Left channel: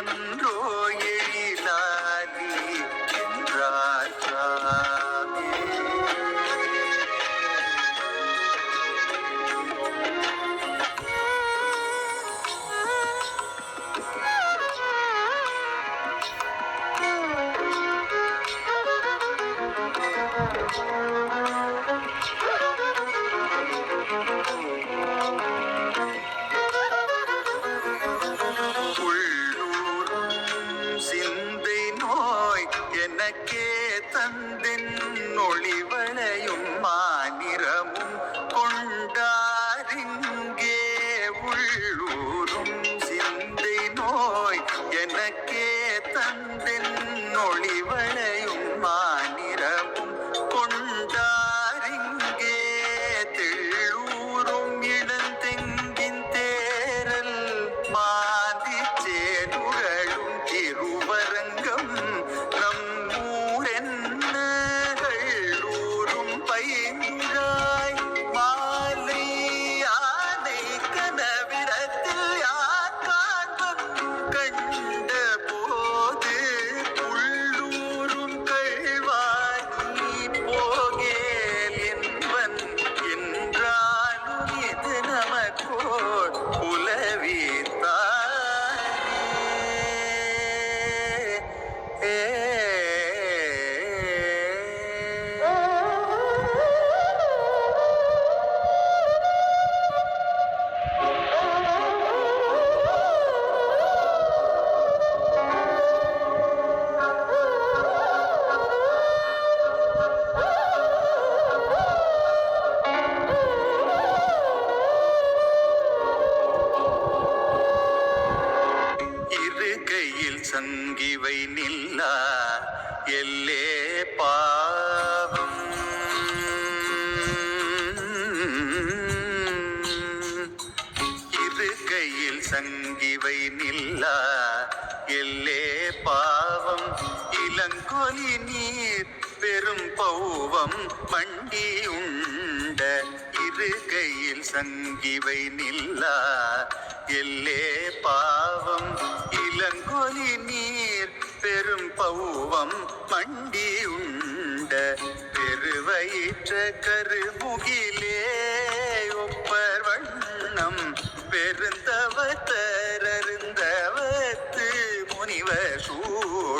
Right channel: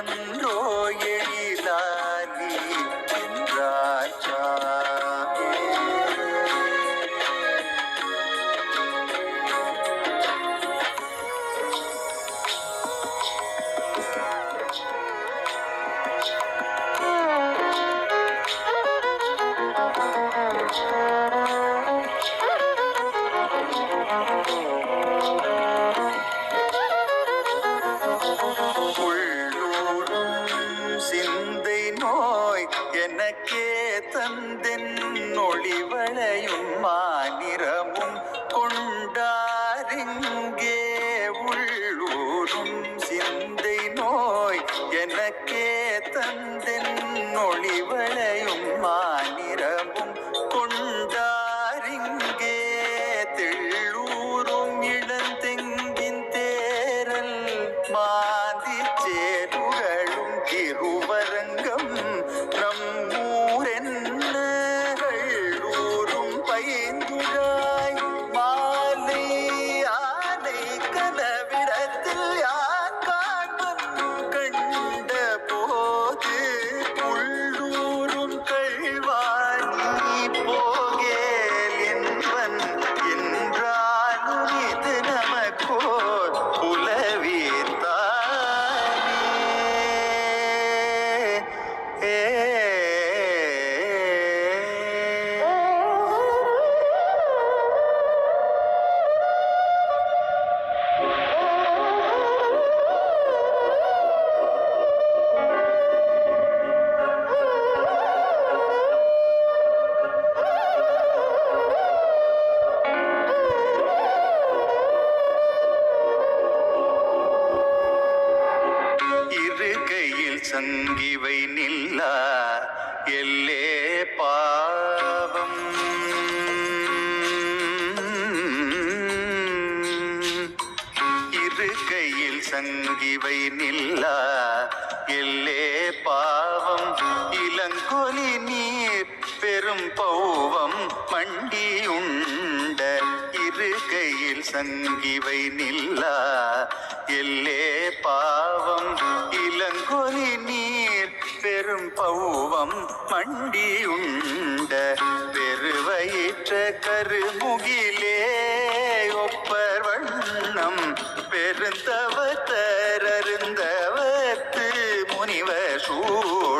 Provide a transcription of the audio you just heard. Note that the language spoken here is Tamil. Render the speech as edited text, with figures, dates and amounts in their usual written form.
தேர்வன்றோ எழிலாலி என்றார் சாமி. எனக்கே தந்தென் ஒளிவளையும் மாநிறமும் கொண்டாரிங்கே உள்ளூரும் சிந்தை நோய். எனக்கே தந்தென் ஒளிவளையும் மாநிறமும் கொண்டாரிங்கே தெள்ளூரும் இளந்தெங்கின் தேரல் மாந்தி சேருகளும் திருவரங்கம் நம்மூரென்னூரும் பைந்துழாய் மாலை ஆனை கனவிடத்தில் யார் காண்பன் கண்ட போது உள்ளூரும் கழ்வானி போகேல் என்பன் என்றாலும் இது நமக்கோர் புலவித்தானே. சங்கிவை நில்லா எல்லே பாவம் இருக்கையில் சங்கிவை நில்லா எல்லே பாவம் இளங்கொலி நீர் பெரும் பௌவம் மண்டி உண்ட இருக்கையில் சங்கிவை நில்லா எல்லே பாவம் இளங்கொலி நீர் பெரும் பௌவம் மண்டி உண்ட பெருவயிற்ற கருமுகிலே ஒப்பர் வண்ணம் பெருந்தவத்தரருந்தவத்து முனிவர் சூழ